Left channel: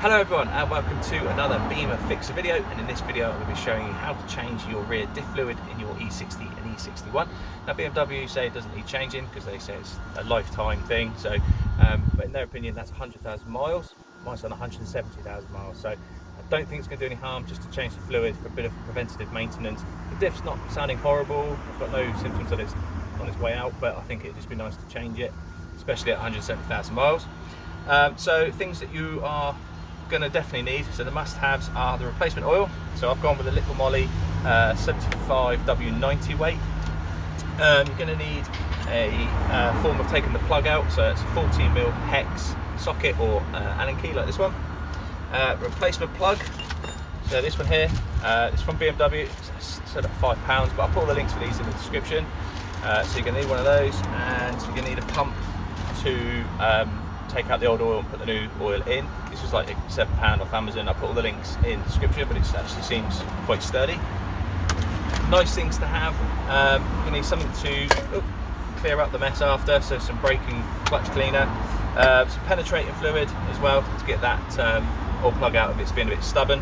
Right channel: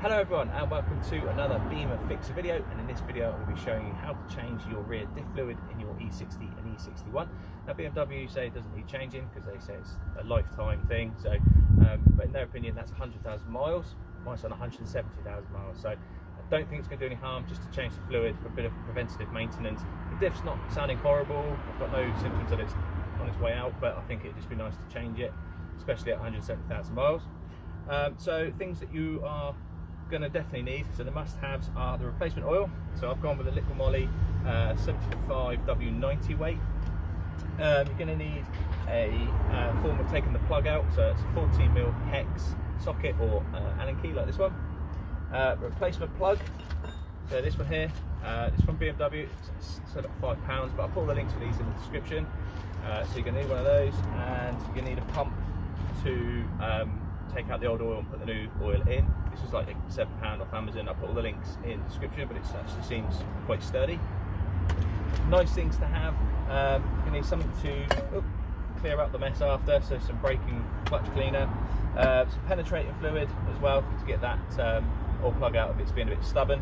Hello everyone and welcome to another Bimmer Fixer video, and in this video I'm going to be showing you how to change your rear diff fluid in your e60 and e61. Now BMW say it doesn't need changing because they say it's a lifetime thing, so but in their opinion that's 100,000 miles. Mine's done 170,000 miles, so I don't think it's going to do any harm just to change the fluid for a bit of preventative maintenance. The diff's not sounding horrible, I've got no symptoms that it's on its way out, but I think it'd just be nice to change it, especially at 170,000 miles. So things that you are going to definitely need, so the must-haves are the replacement oil. So I've gone with a Little Moly 75 W90 weight. You're going to need a form of taking the plug out, so it's a 14mm hex socket or Allen key like this one. Replacement plug, so this one here, it's from BMW, it's set at £5, but I'll put all the links for these in the description. So you're going to need one of those, and you're going to need a pump to take out the old oil and put the new oil in. This was like £7 off Amazon. I'll put all the links in the description, but it actually seems quite sturdy. Nice things to have. You need something to clear up the mess after, so some braking clutch cleaner, some penetrating fluid as well to get that oil plug out if it's been a bit stubborn.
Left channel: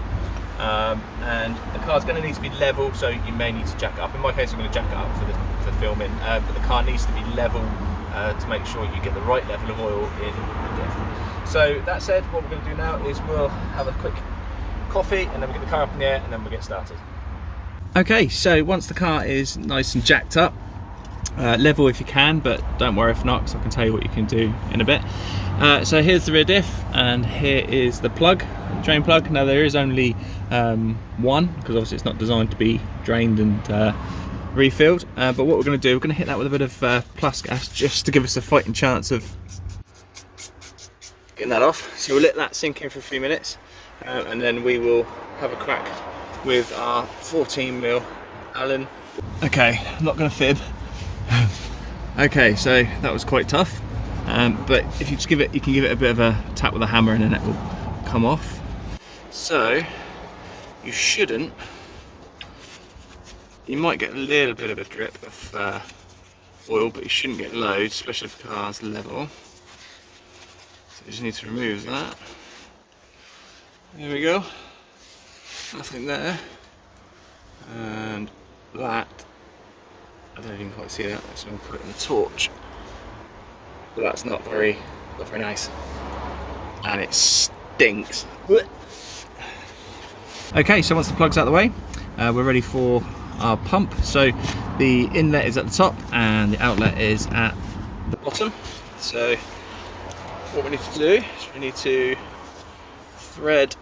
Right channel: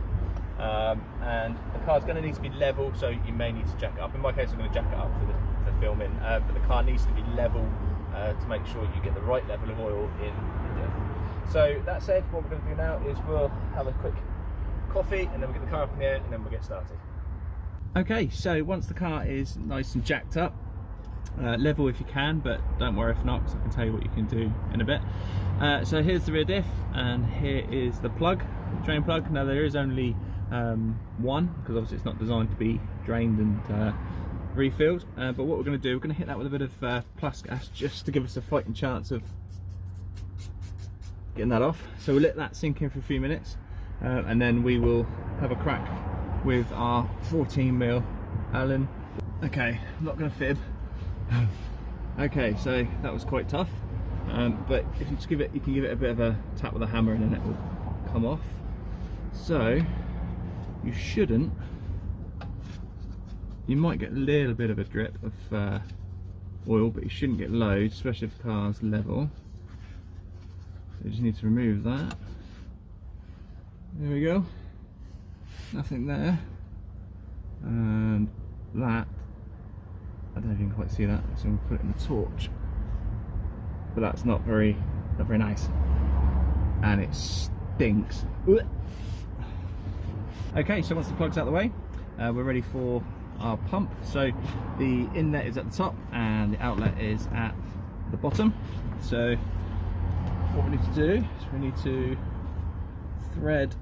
And the car's going to need to be level, so you may need to jack it up. In my case, I'm going to jack it up for filming, but the car needs to be level to make sure you get the right level of oil in the diff. So that said, what we're going to do now is we'll have a quick coffee and then we'll get the car up in the air and then we'll get started. Okay, so once the car is nice and jacked up, level if you can, but don't worry if not, because I can tell you what you can do in a bit. So here's the rear diff and here is the plug, drain plug. Now there is only one, because obviously it's not designed to be drained and refilled, but what we're going to do, we're going to hit that with a bit of plus gas just to give us a fighting chance of getting that off. So we'll let that sink in for a few minutes and then we will have a crack with our 14mm Allen. Okay, I'm not going to fib. Okay, so that was quite tough, but if you just give it, you can give it a bit of a tap with a hammer and then it will come off. So you shouldn't, you might get a little bit of a drip of oil, but you shouldn't get loads, especially if the car's level. So you just need to remove that. There we go. Nothing there. And that, I don't know if you can quite see that, so I'm going to put it in the torch. But that's not very nice. And it stinks. Okay, so once the plug's out of the way, we're ready for our pump. So the inlet is at the top and the outlet is at the bottom. So what we need to do is we need to thread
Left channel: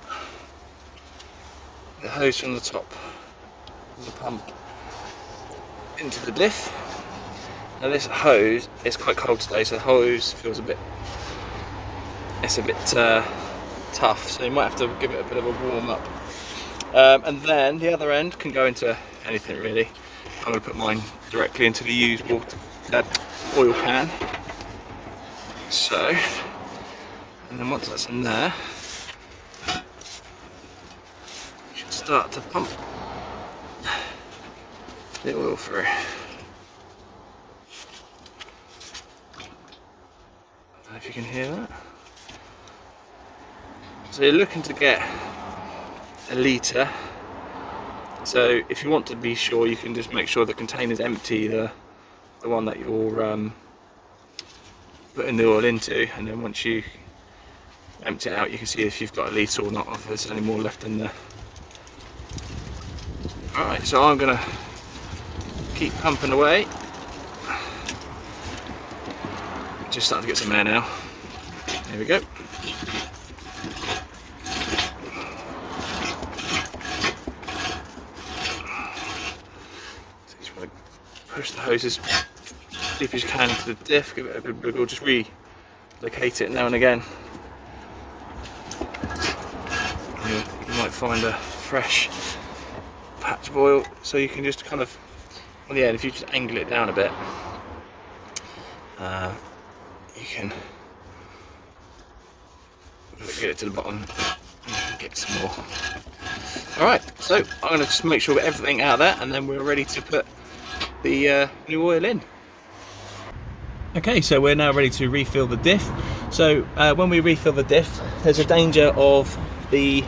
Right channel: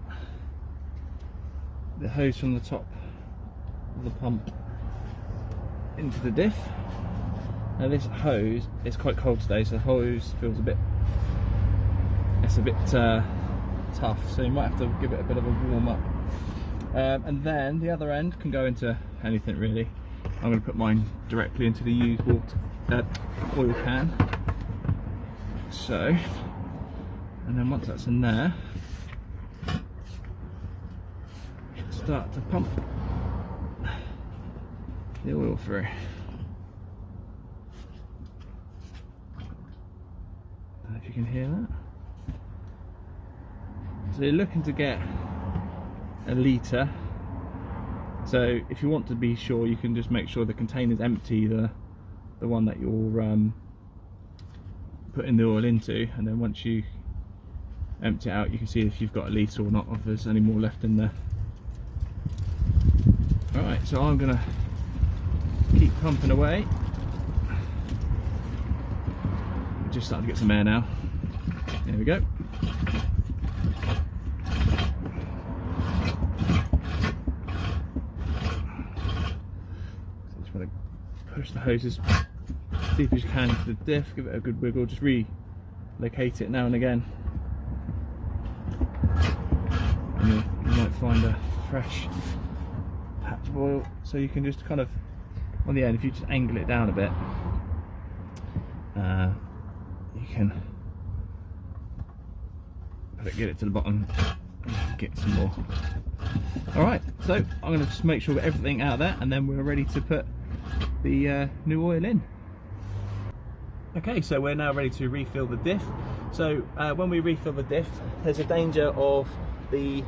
the hose from the top of the pump into the diff. Now this hose is quite cold today, so the hose feels a bit tough, so you might have to give it a bit of a warm up. And then the other end can go into anything really. I'm going to put mine directly into the used oil can. So, and then once that's in there, you should start to pump the oil through. I don't know if you can hear that. So you're looking to get a litre. So if you want to be sure, you can just make sure the container's empty, the one that you're putting the oil into, and then once you empty it out you can see if you've got a litre or not, or if there's any more left in there. Alright, so I'm going to keep pumping away. Just starting to get some air now. There we go. So you just want to push the hoses deep as you can into the diff, give it a good wiggle, just relocate it now and again. And you might find a fresh patch of oil, so you can just kind of, on the end, if you just angle it down a bit, you can get it to the bottom and get some more. Alright, so I'm going to just make sure we get everything out of there and then we're ready to put the new oil in. Okay, so we're now ready to refill the diff. So when we refill the diff, there's a danger of the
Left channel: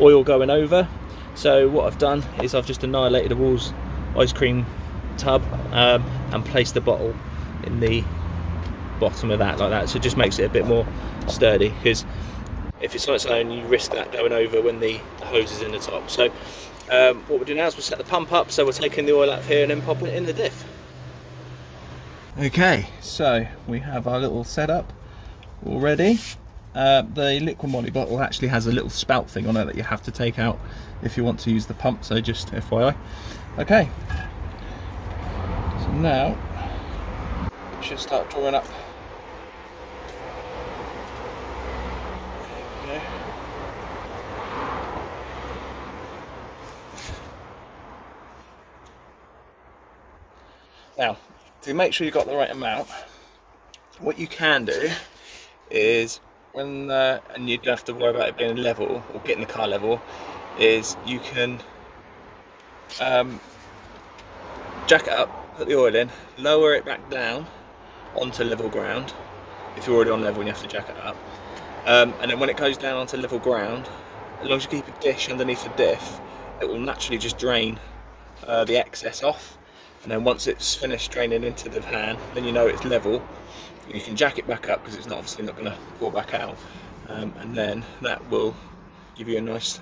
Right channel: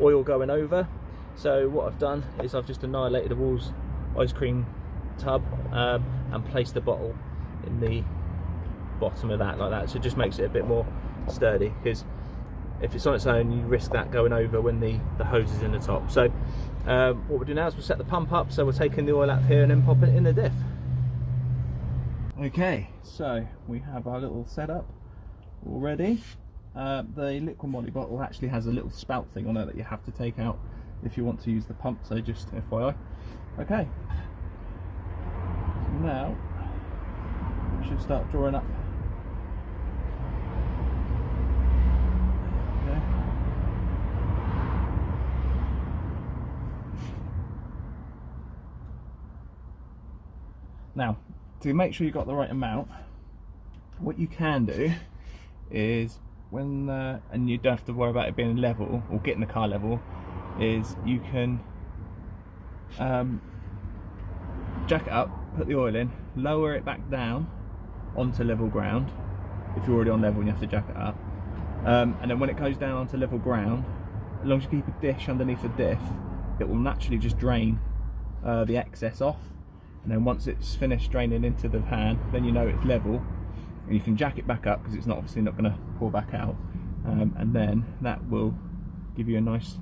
oil going over. So what I've done is I've just annihilated the Wall's ice cream tub and placed the bottle in the bottom of that like that, so it just makes it a bit more sturdy, because if it's on its own you risk that going over when the hose is in the top. So what we'll do now is we'll set the pump up, so we're taking the oil out of here and then popping it in the diff. Okay, so we have our little setup already. The liquid moly bottle actually has a little spout thing on it that you have to take out if you want to use the pump, so just FYI. Okay, so now it should start drawing up. There we go. Now, to make sure you've got the right amount, what you can do is when and you don't have to worry about it being level or getting the car level, is you can jack it up, put the oil in, lower it back down onto level ground if you're already on level and you have to jack it up, and then when it goes down onto level ground, as long as you keep a dish underneath the diff, it will naturally just drain the excess off, and then once it's finished draining into the pan, then you know it's level. You can jack it back up because it's obviously not going to pour back out, and then that will give you a nice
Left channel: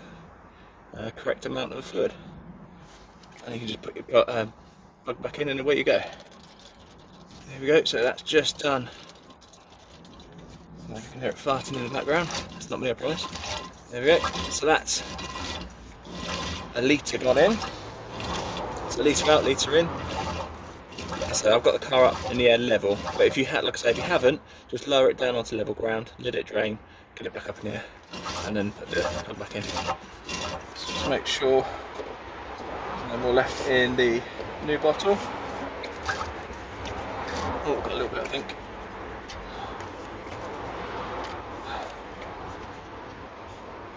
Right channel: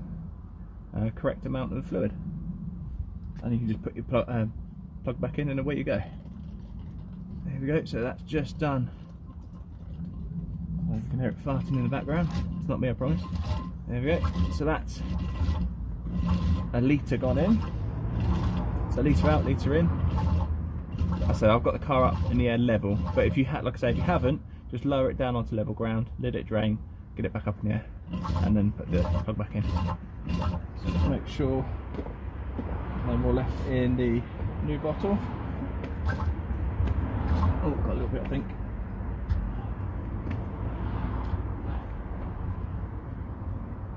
correct amount of fluid, and you can just put your plug back in and away you go. There we go, so that's just done. So you can hear it farting in the background, it's not me, I promise. There we go, so that's a litre gone in, so litre out, litre in. So I've got the car up in the air level, but if you had, like I say, if you haven't, just lower it down onto level ground, let it drain, get it back up in the air, and then put the plug back in. So just make sure no more left in the new bottle. Oh, got a little bit, I think.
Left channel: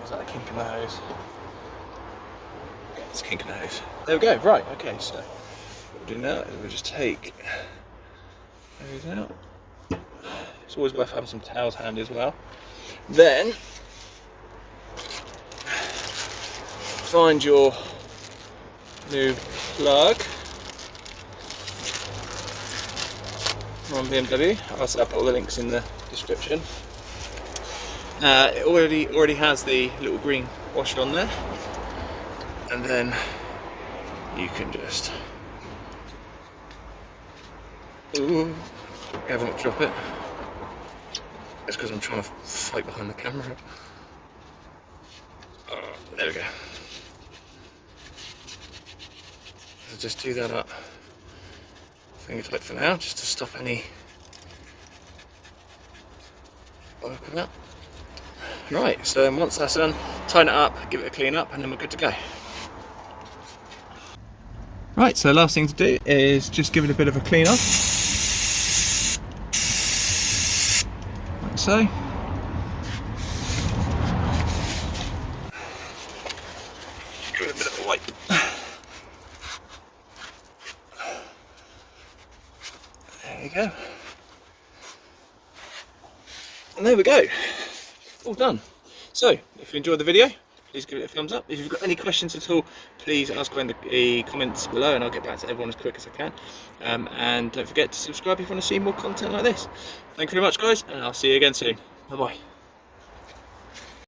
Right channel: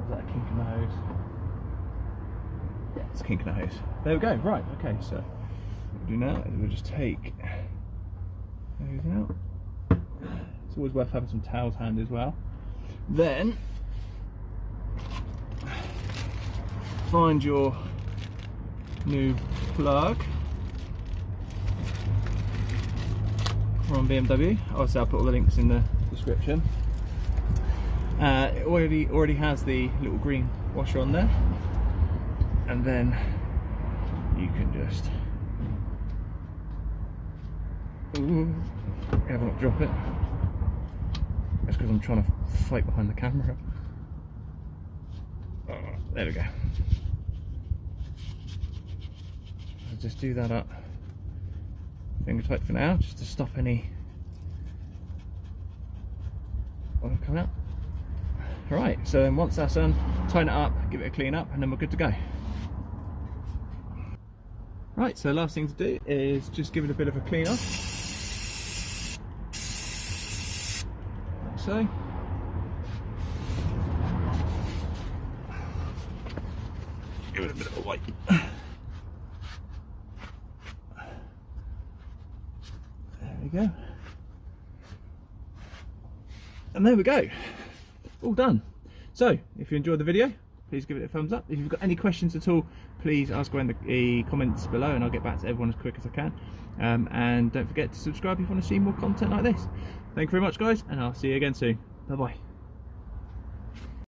Was that a kink in the hose? Yeah, it's a kink in the hose. There we go. Right. Okay. So what we'll do now is we'll just take those out. It's always worth having some towels handy as well. Then find your new plug from BMW. Also, I'll put all the links in the description. It already has the little green washer on there, and then you can just haven't drop it. It's because I'm trying to fight behind the camera. There we go. So just do that up finger tight for now, just to stop any work with that. Right, so once that's done, tighten it up, give it a clean up, and then we're good to go. Right, so last thing to do is just give it a bit of a clean off. Like so. Give it a bit of a wipe. There you go. And there we go. All done. So, if you enjoyed the video, please give it a thumbs up. If you've got any questions at all, please ask in the comments below and I'll get back to everyone as quick as I can. And don't forget to subscribe if you want to see more content like this. Thank you very much, guys, and I'll see you again soon. Bye bye.